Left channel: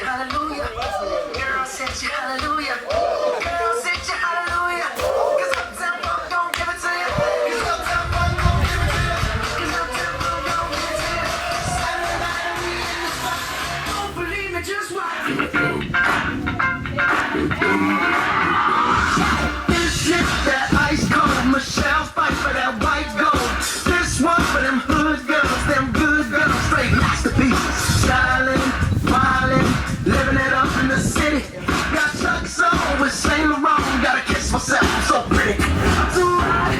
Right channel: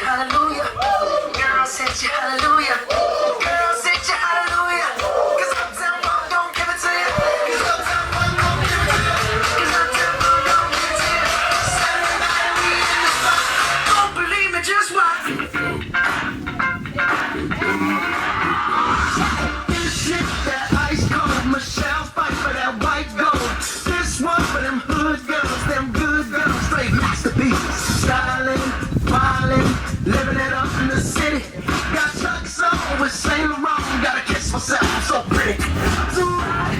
you hallelujah. Girl, said you hallelujah. Girl, said you hallelujah. 'Cause Uptown Funk don't give it to you. 'Cause Uptown Funk don't give it to you. 'Cause Uptown Funk don't give it to you. Saturday night we in the spot. Don't believe me, just watch. This shit that ice cold. Michelle fight for that white gold. This one for them hood girls, them good girls, straight masterpieces. Styling, wildin', living it up in the city. Got Chuck's on with Saint Laurent. Gotta kiss myself, I'm so pretty. Too hot.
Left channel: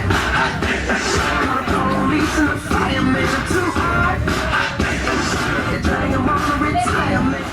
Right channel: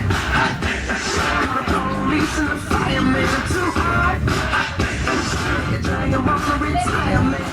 The police and the firemen are too hot. They're trying to walk to retirement.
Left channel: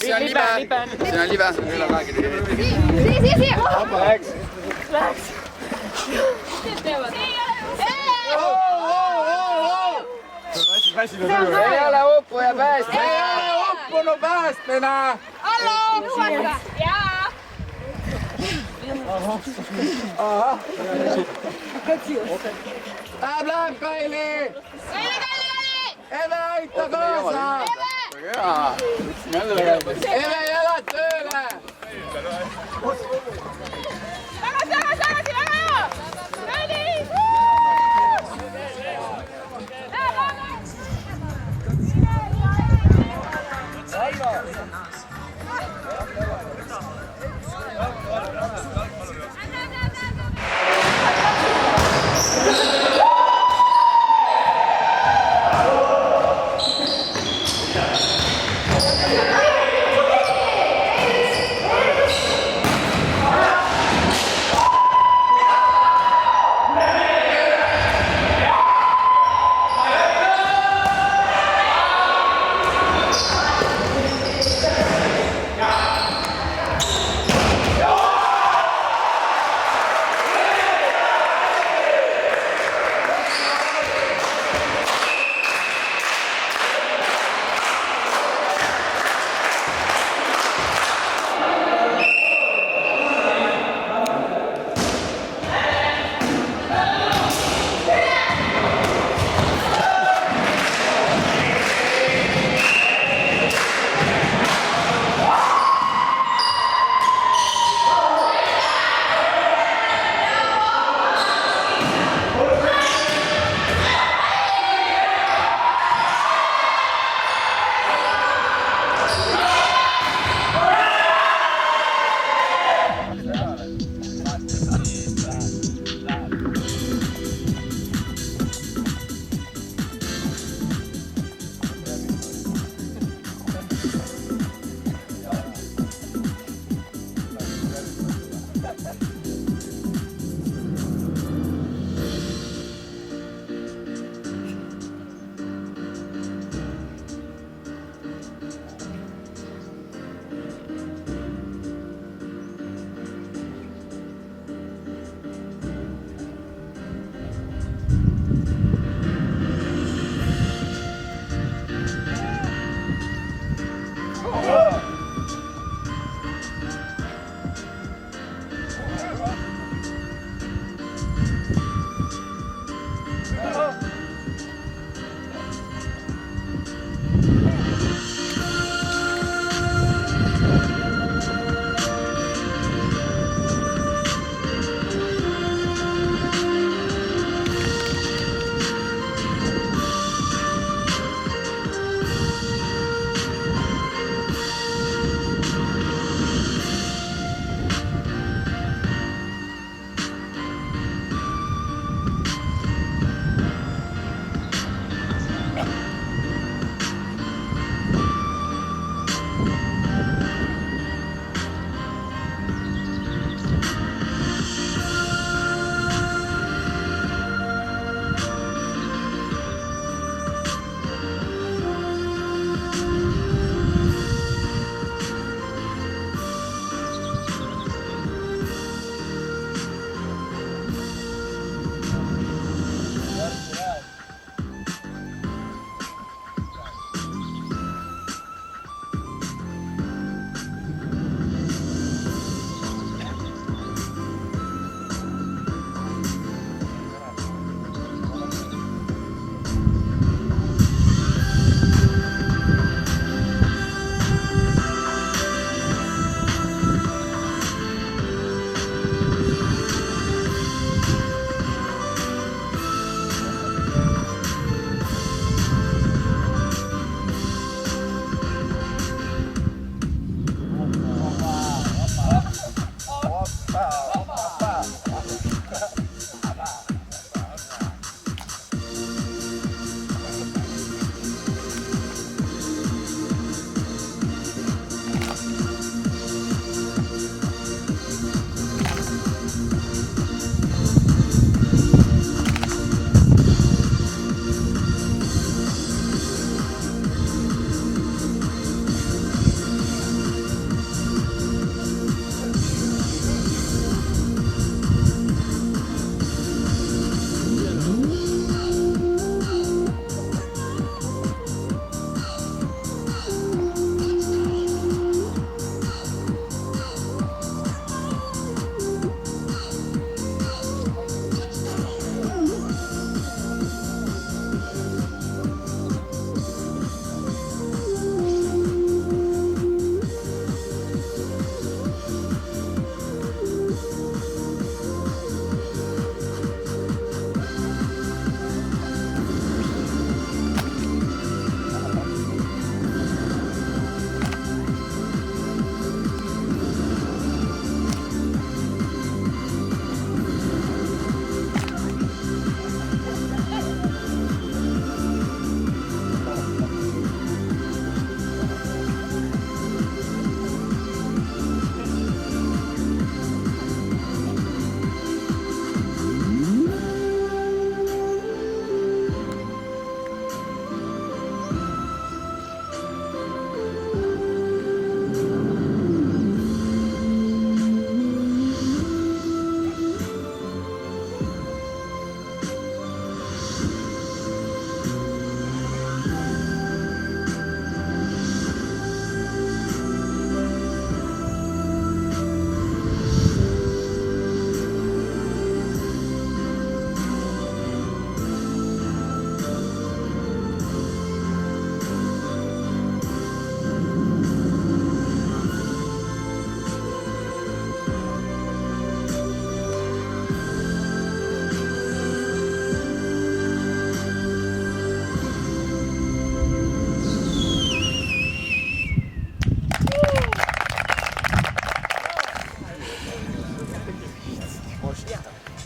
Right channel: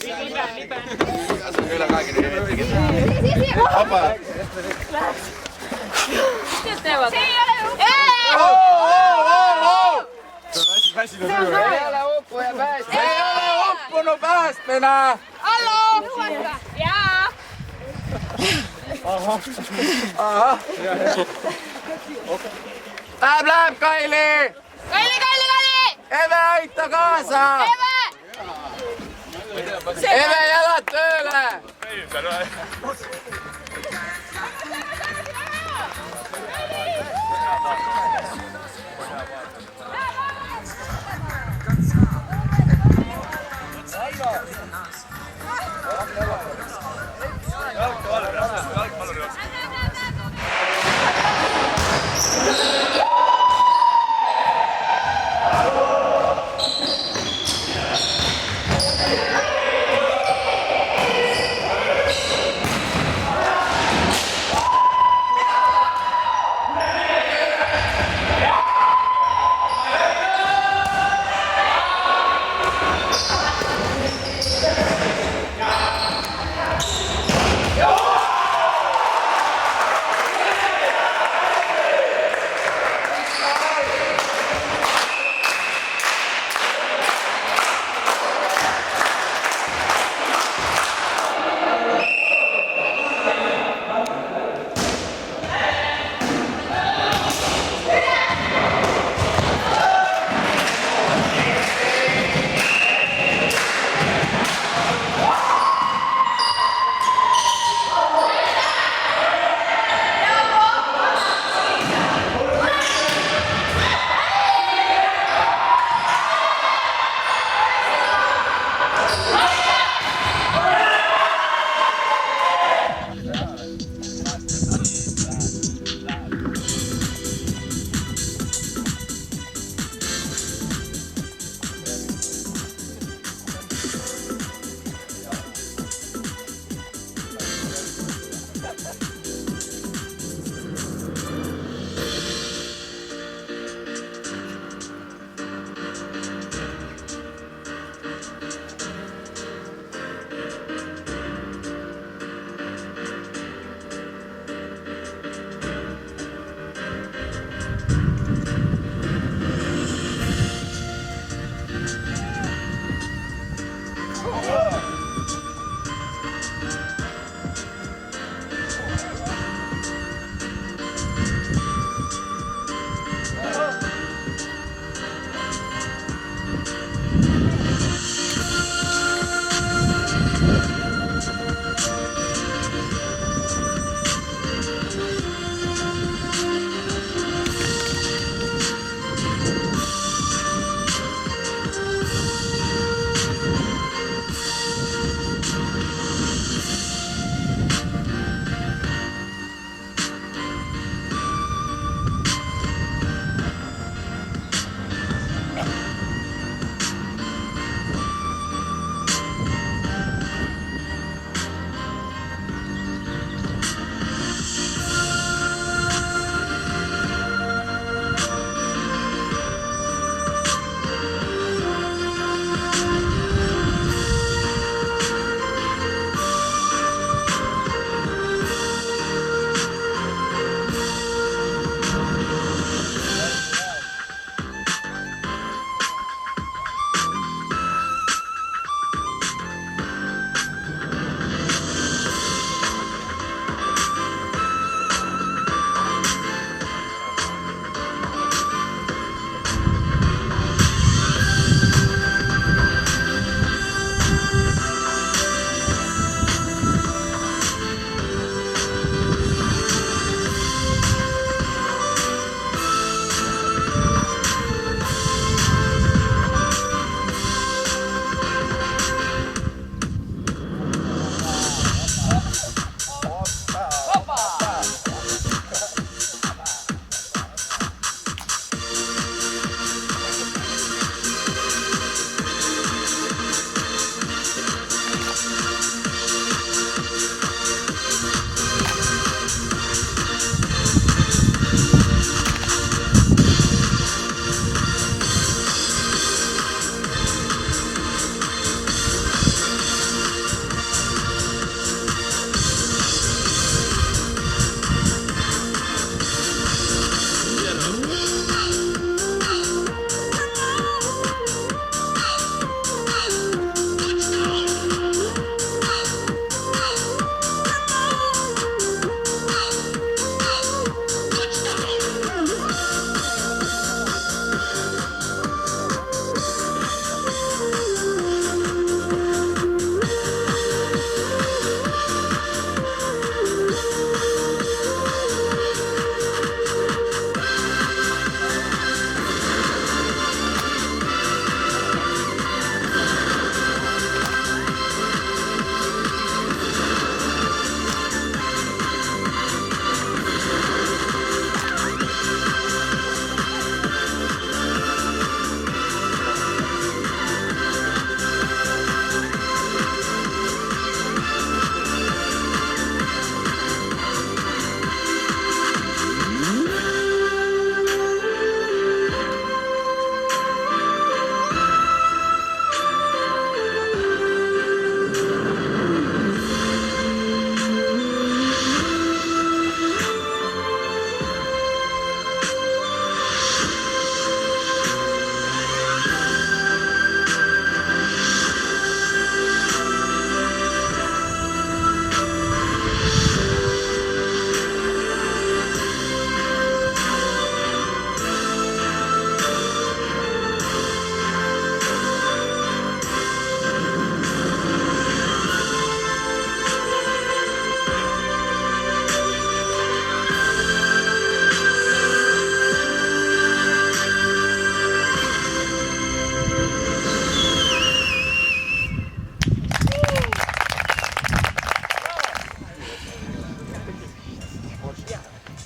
See on libe, see on üle 20. Siia! Vaba rääkis. Läheks. Kes teevad? See ei ole ju! Ei ole uppuja päästmine! Ei ole uppunu päästmine! Hallo! Jaa! Ahah! Läheb, Kaili! Kaili! Eve, aita kaasa! Eve, jalad tööle! Tagasi, väga hea! Kaili!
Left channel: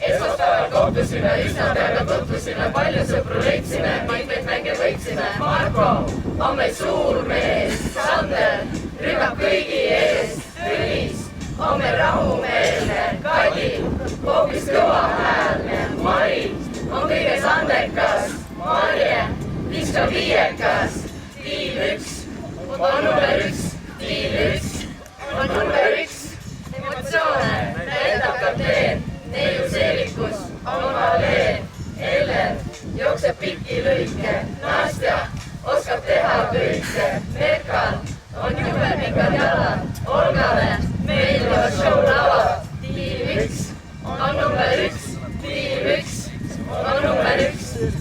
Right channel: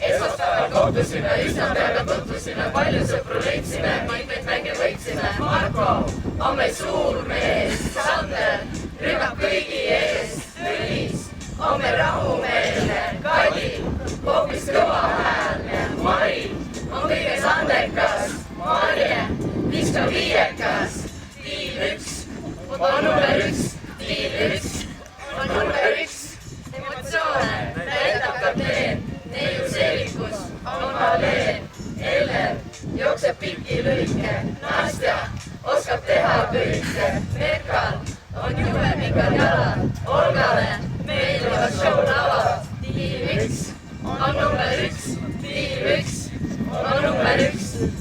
esmaspäeval kohtusime, üsna peaga tutvusime, palju sõpru leidsime, mitmeid mänge võitsime. Marko on meil suur mees, Sander rünnab kõigi ees, Tõnis on meil rahumeelne, Kadi hoopis kõvahäälne, Mari on kõiges andekas, Marje viskab viiekas, tiim 1 on number 1, tiim 1 on number 1, emotsioone näitab kapteen, neiu seelikus on valeen, Ellen jookseb pikki lõike, Nastja oskab teha kõike, Merkal on jube pikad jalad, Olgale meeldivad showlavad, tiim 1 on number 1, tiim 1 on number 1,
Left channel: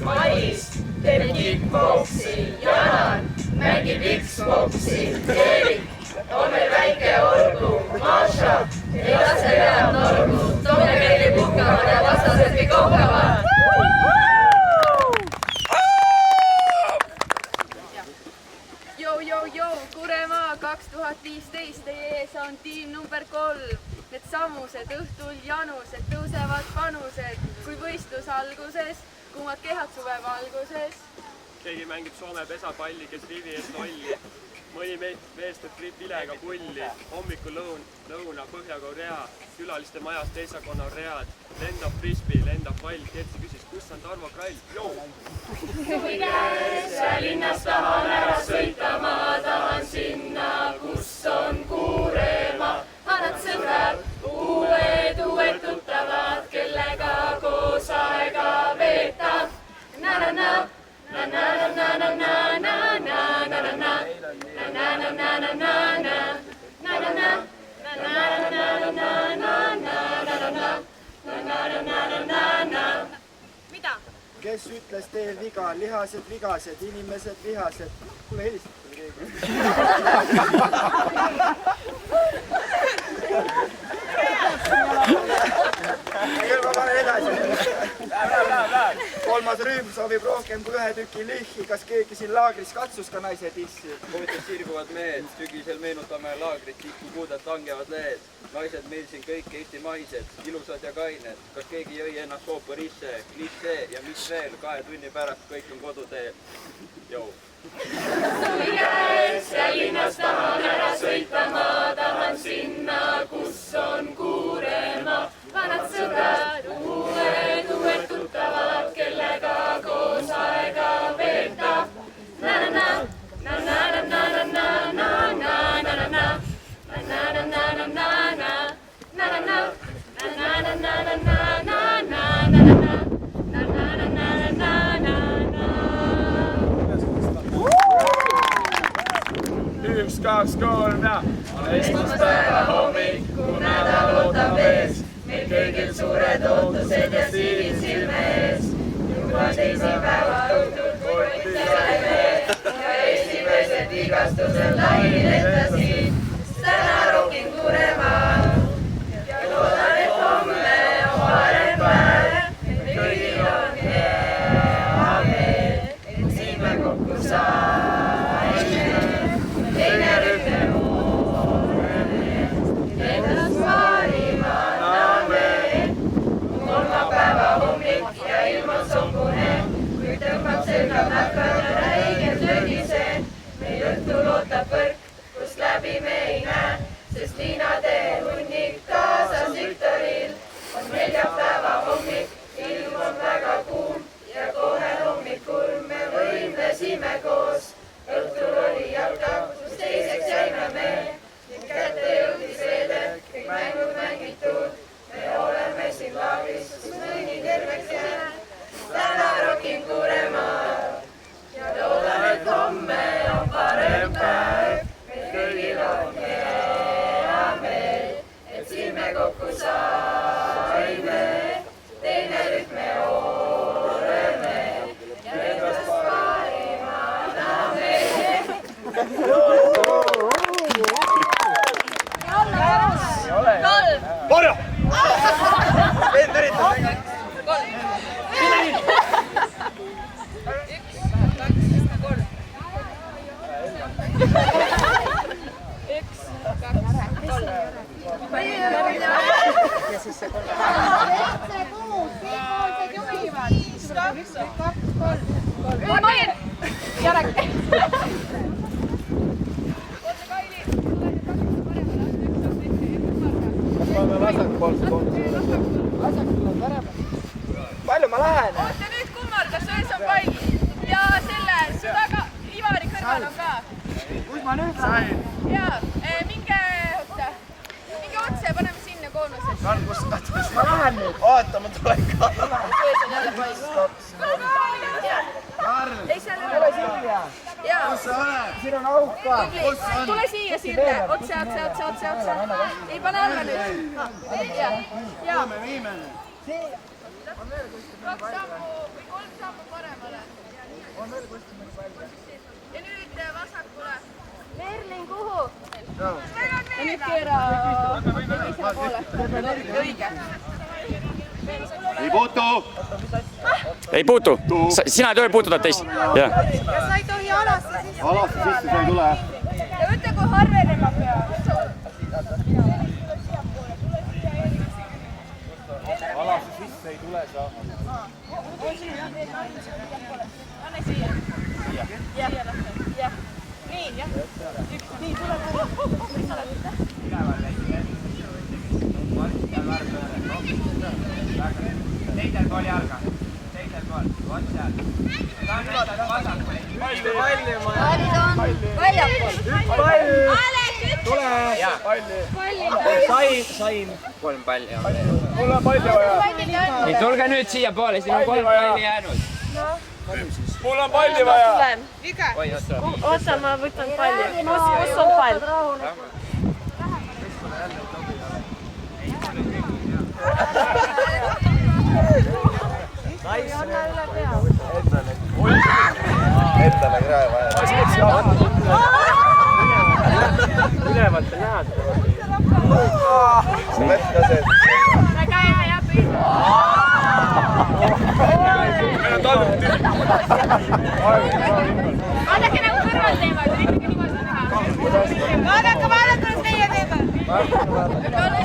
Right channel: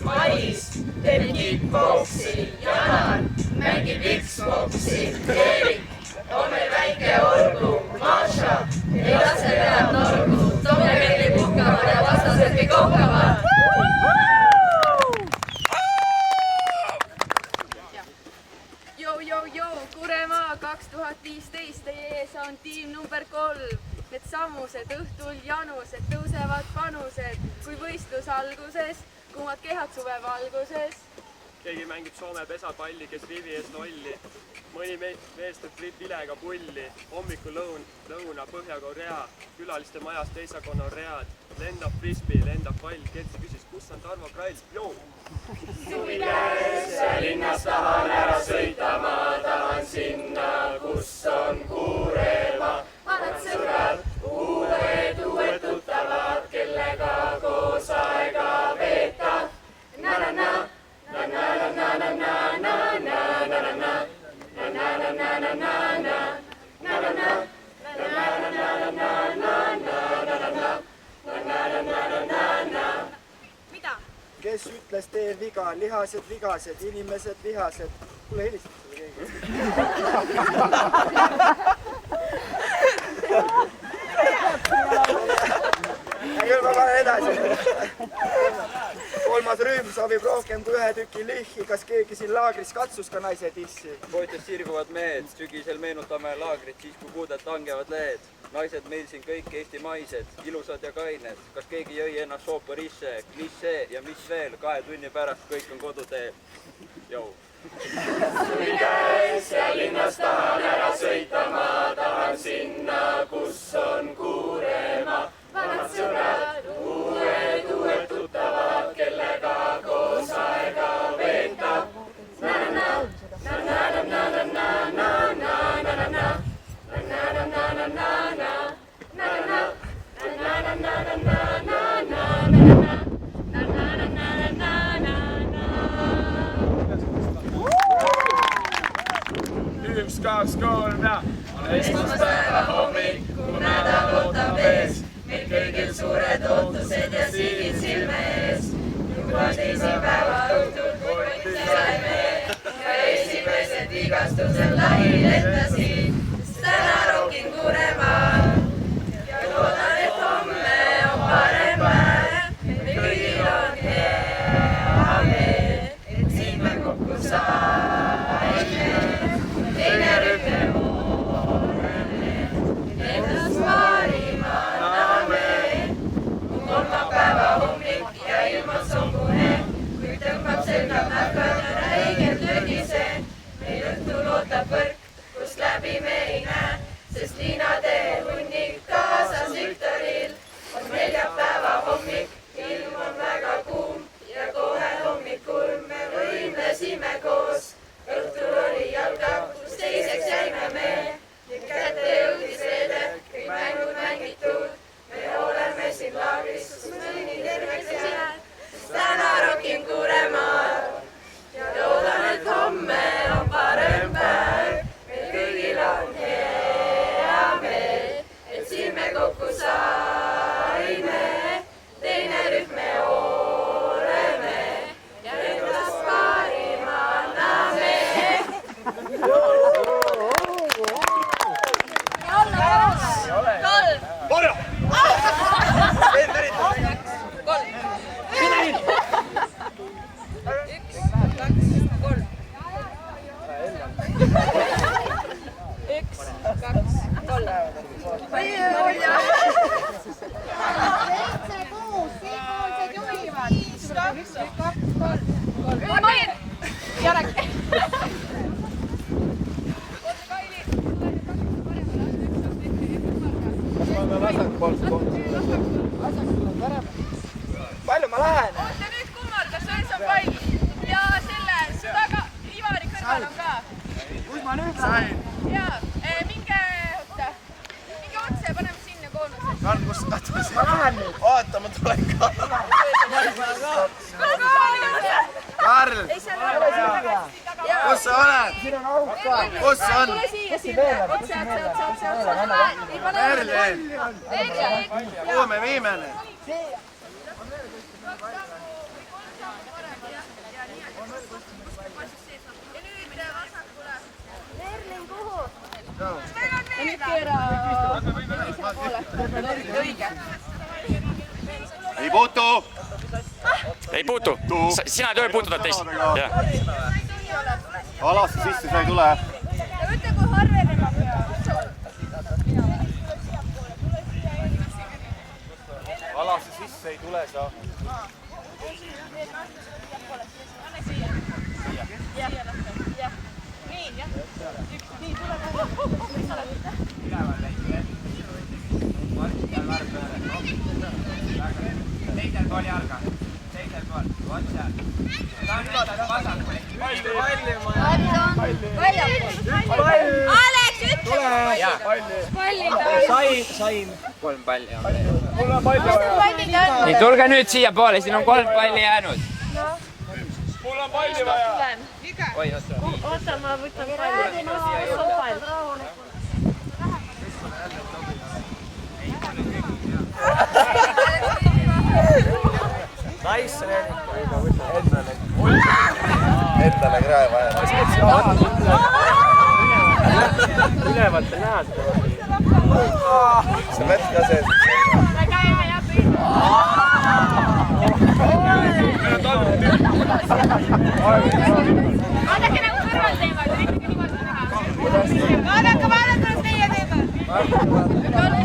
Mailis teeb kickboksi, Janar mängib Xboxi, Erik on meil väike olgu, Maša ei lase pead norgu, Tomja käib puhkavad ja vastased kõik ohkavad. Jou, Kuremaa 2015, teie ees on tiim number 3. Need sammused õhtul janused, tõusevad panused, kui võistlus alguses, kuumad kehad suve valguses. Keegi mängib Soome pesapalli, kes rivi ees lolli. Mõni mees teeb vilega pulli. Hommikul lõuna Põhja-Korea, külaliste majas teisakonna read. Lendab frisbee, lendab pall. Kertsi küsis, kus on Tarmo Krall? Joo! Suvi käes ja linnas tahan ära sõita, ma tahan sinna, kus on Kuuremaa. Vanad sõbrad, uued tuttavad, kellega koos aega veeta. Na-na-na, na-na-na-na-na-na-na-na-na-na. Mida? Kes ütles teel viga, lihased vigased, inimesed vihased. Kuule, helistada keegi. Küll ma panen edasi. Kolmas rühm soovib rohkem kui 1 tüki lihhi. Kas keegi siin laagris katsus ka naise tissi? Poistes sirguvad mehed, sügisel meenutame laagrit, siis kui kuudelt langevad lehed. Naised meil siin kõik eestimaised, ilusad ja kained. Kas keegi jõi ennast sooporisse, klissee ja mis veel? 2 tunni pärast kõik on koduteel. Jou! Suvi käes ja linnas tahan ära sõita, ma tahan sinna, kus on Kuuremaa. Vanad sõbrad, uued tuttavad, kellega koos aega veeta. Na-na-na, na-na-na-na-na-na-na-na-na-na, na-na-na-na-na-na-na-na, na-na-na-na-na-na-na-na-na, na-na-na-na-na-na-na-na. Üks, kaks, kolm ja Esmaspäeva hommik, kui nädal ootab ees, meil kõigil suured ootused ja sildid silme ees. Juba teisipäeva õhtul kotti saime ja esimesed vigastused lai lendasid, sest täna rokin Kuuremaal ja loodan, et homme on parem päev. Meil kõigil on hea meel, et siin me kokku saime. Teine rühm hooreme, endast parima anname. Kolmapäeva hommik ja ilm on sombune, kui tõmbab selga nakad ja räiged lögised. Meil õhtul ootab võrk, kust läbi me ei näe, sest liinade hunnik kaasas Viktoril. On neljapäeva hommik, ilm on väga kuum ja kohe hommikul me võimlesime koos. Õhtul oli jalgab, kus teiseks jäime me ning kätte jõudis reede, kõik mängud mängitud. Me oleme siin laagris, kus mõni terveks jääb. Täna rokin Kuuremaal ja loodan, et homme on parem päev. Meil kõigil on hea meel, et siin me kokku saime. Teine rühm me oleme ja endast parima anname. Kalm! Vend üritab. palju ma lähen? oota nüüd kummardas, ees on pall. Ja selle taga, Ivari kõrval on ka. Kus ma nüüd lähen? Jaa, minge otse, paneme sinna koonusesse. Karl, kus katus? Ma lähen nüüd. Oota, ma tulen ka. Karl! Ei, seal ei ole siia. Kus sa oled? Siin on auk ka. Kus on? Tule siia, Sirle. Otse. Ei, pane ära nüüd. Kuhu me viime nüüd? 2 sammu või 3 sammu paremale. Ja nüüd vasakule. Merlin, kuhu? Ja nüüd keera teisele poole. Õige. Ei puutu! Ei puutu. Sina ei tohi puutuda teist. Ja sa ei tohi alasse sisse. Alasse sisse sa ei tule. Ja võtta, kui harvenema peab. Alasse sisse ei tule sa. Anne siia. Jah. Nii, jah. Nii, tule. Teisel pool jalga. Teisel pool. Otse. Ta on vasakul. Alex, Sain. 3 palli on veel. Mul on palju vaja. Nii, tulge nüüd siia poole, siin on 3 palli jäänud. Mul on palju vaja. oota, ma võtan palli. Kus on pall? Endale krae vaja. Ülevalt ei näha seda. See mets ka sees. Me käime ja püüame. Vaadake nagu kõrval teevad, üritage niimoodi teha. Vaadake, kuidas teie teevad. Tuleb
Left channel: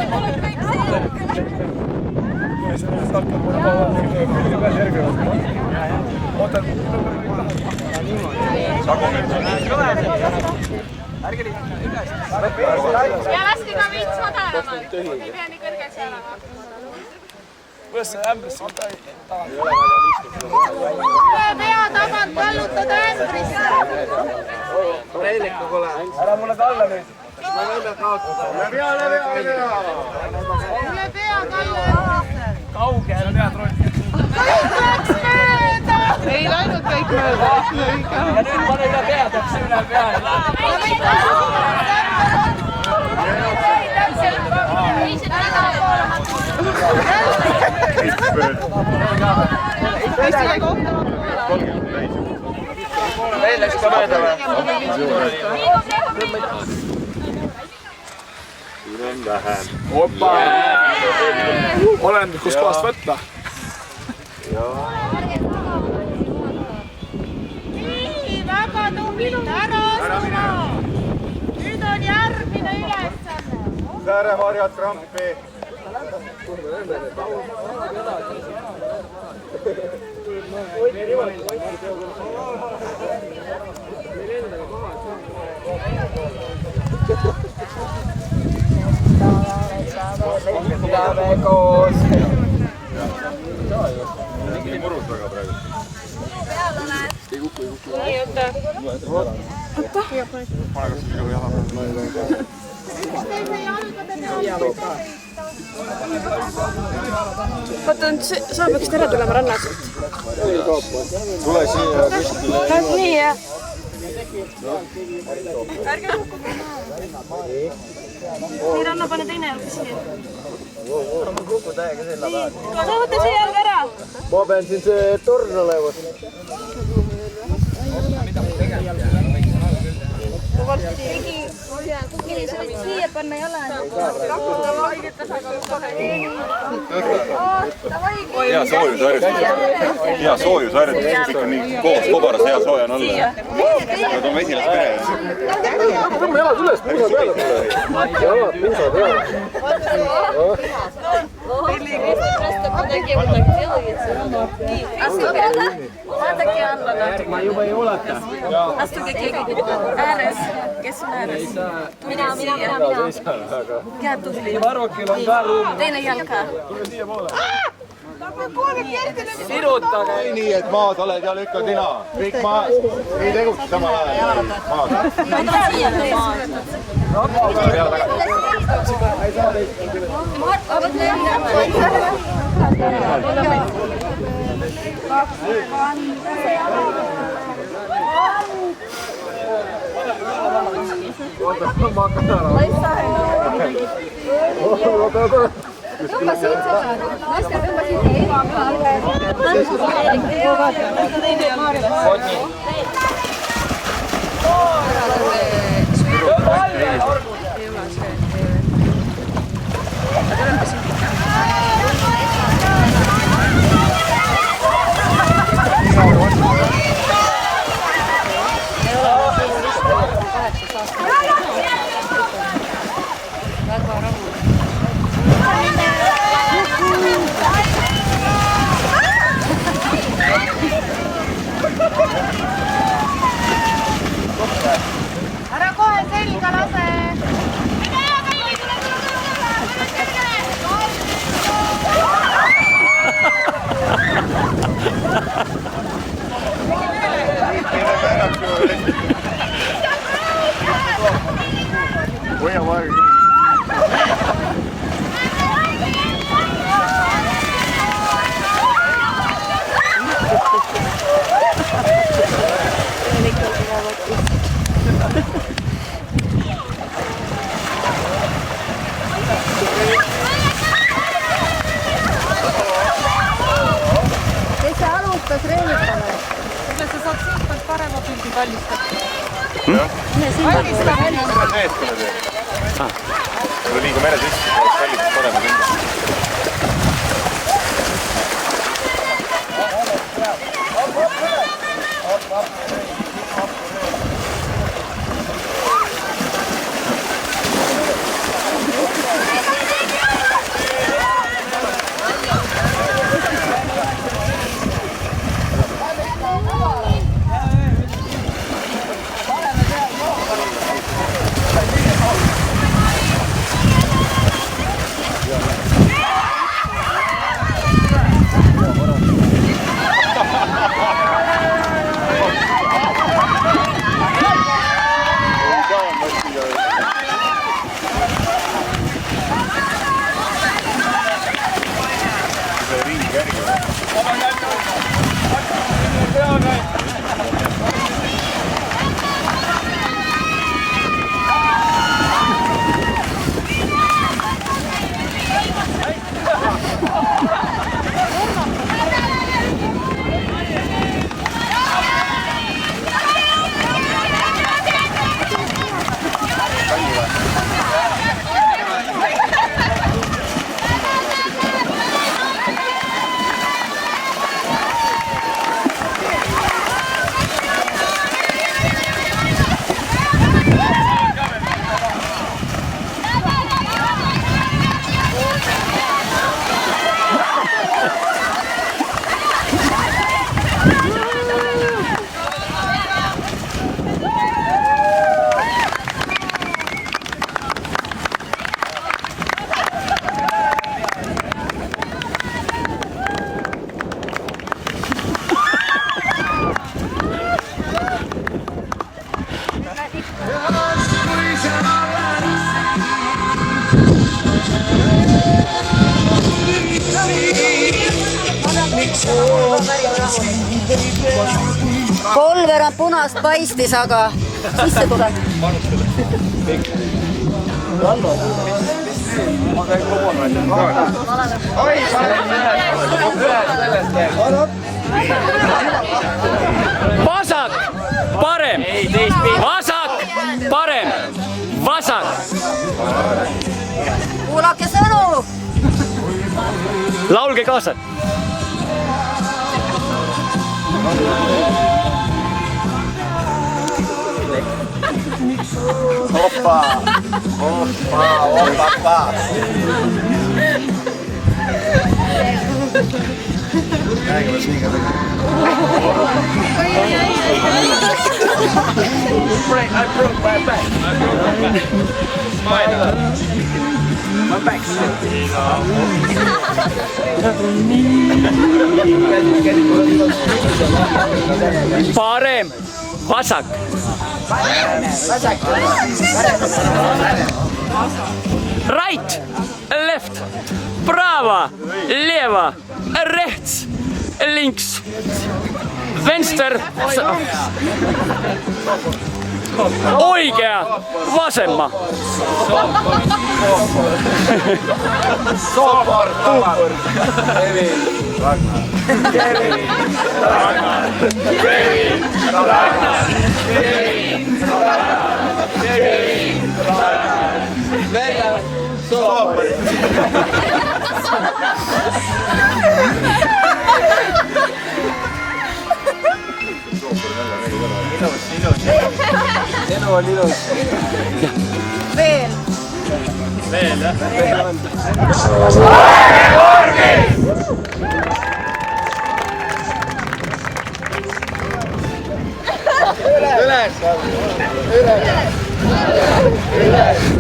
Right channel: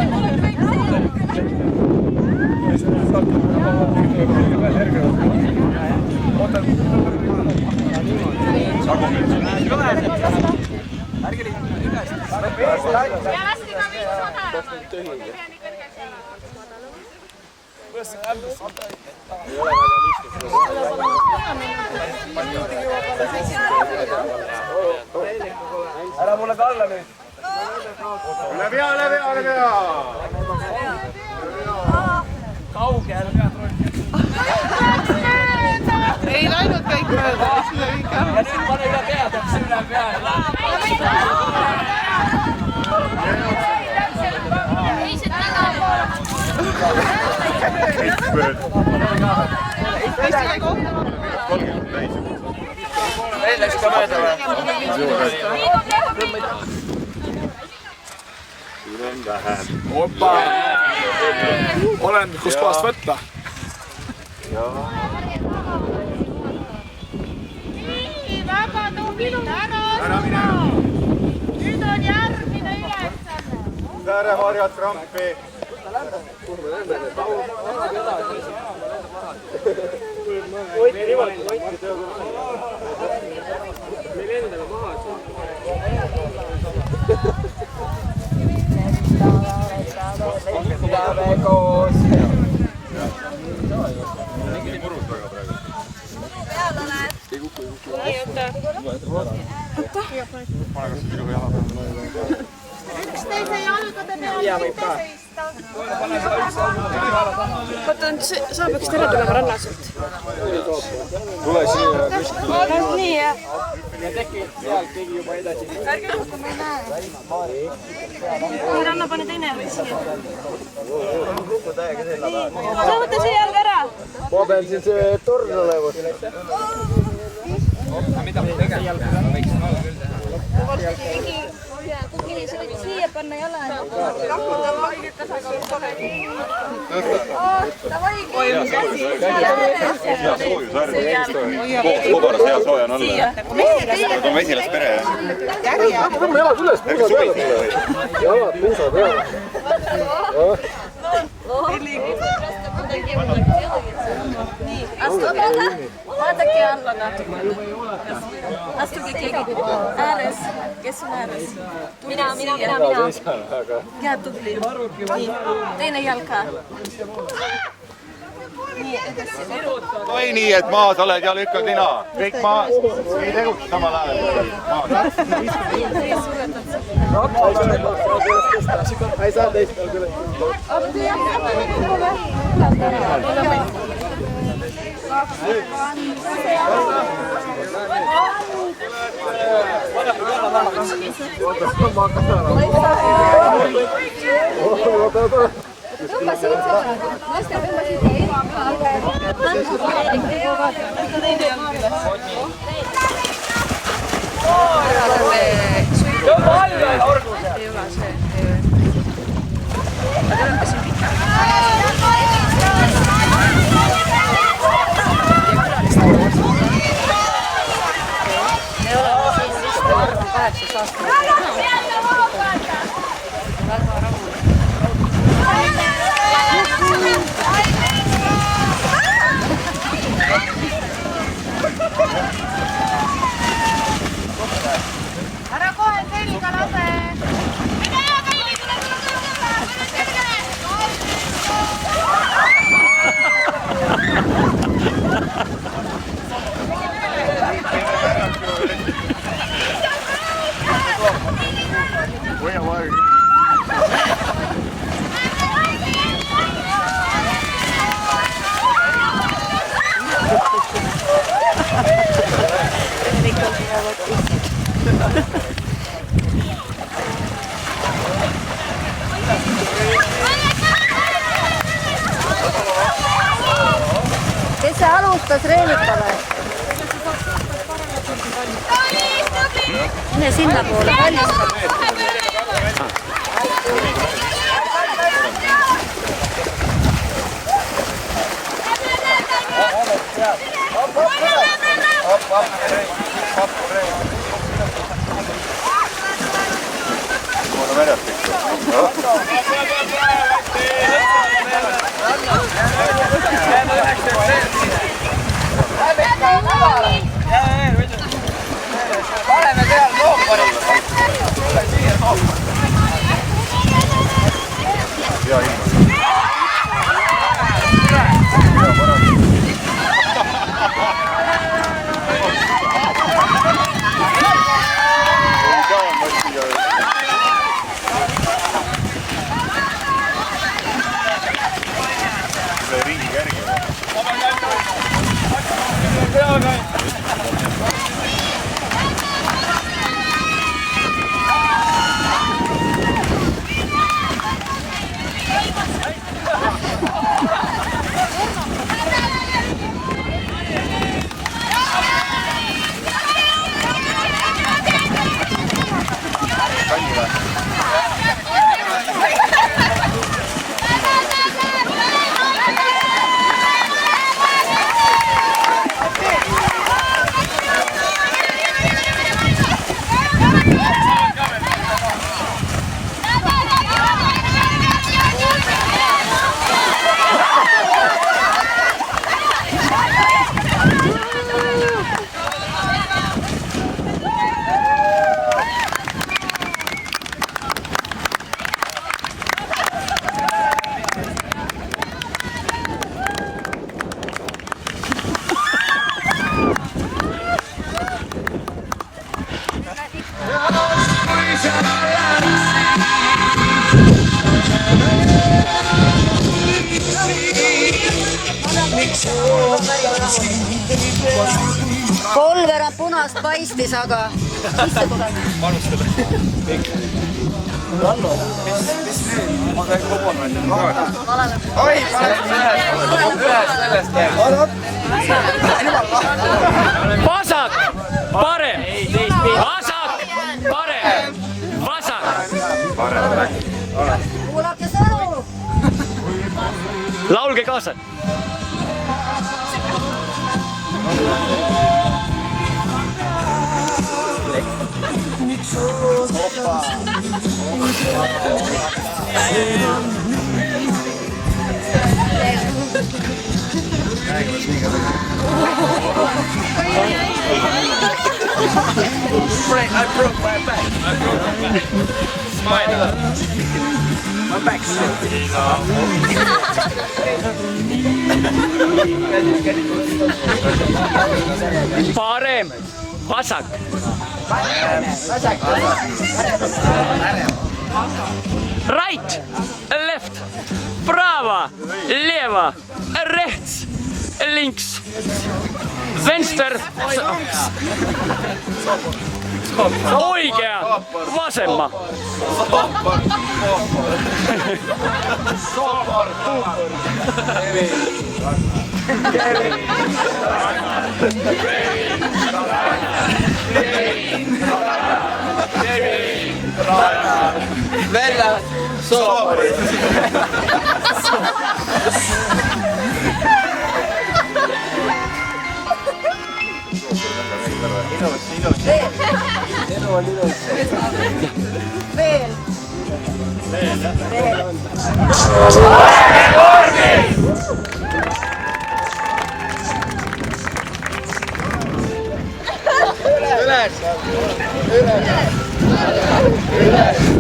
kõik siia. Ja laske ka veits madalamalt. Ei pea nii kõrgeks olema. Kuidas see ämbris on taga? Pea tabad palutada ämbris. Ära mulle kalla nüüd. Läbi pea. Kaugel. Ei läinud kõik mööda. Ja nüüd pane üle pea, täpselt üle pea. Meil läks ka mööda või? Opa! Olen, kust kohast võtta? Nii, väga tublid, ära ostma. Nüüd on järgmine ülesanne. Sääremarjad krampi. Lähme koos. Nii murus väga praegu. Nii, oota. Üksteise jalgade peale. Oota, sa peaksid ära tulema rannaselt. Tule siia kuskile. Nii, jah. Nii, Ranna, pane teine jalg siia. Sa võta see jalg ära. Ma pean siin see torn olema. Kukili, sa võid siia panna jala. Hea soojusharjutus. Koos kobaras hea sooja on olla. Nad on mesilaspere. Tõmba jalad üles, puusa peale mulle. Jalad, puusa peale. Astuge alla. Vaadake alla natuke. Astuge keegi ääres. Kes on ääres? Mina. Hea tubli. Nii, teine jalg ka. või nii, et maas oled ja lükkad nina. Kõik maas. Ei tegutse samal ajal. Ei saa teist peal küll. Tõmba siit seda. Naiste tõmba siit. Ära kohe selga lase! Kes see alustas Reelikale? Kuidas sa saad suhtelt parema pildi valmistada? Mine sinna poole. Kui liiga mere sisse, sellised parem. Kolverand punast paistis, aga sisse tuleb. Panustada. Ma käin kogunud. Oi, Vasak, parem, vasak, parem, vasak. Kuulake sõnu! Laulge kaasa. Hoppa! Hoppa, hoppa! I broke my back. Smile. My back's still. parem, vasak. Right, left, brava, leva, rechts, links, venstre, oikea, vasemma. Vella, sopra. Veel. Üles.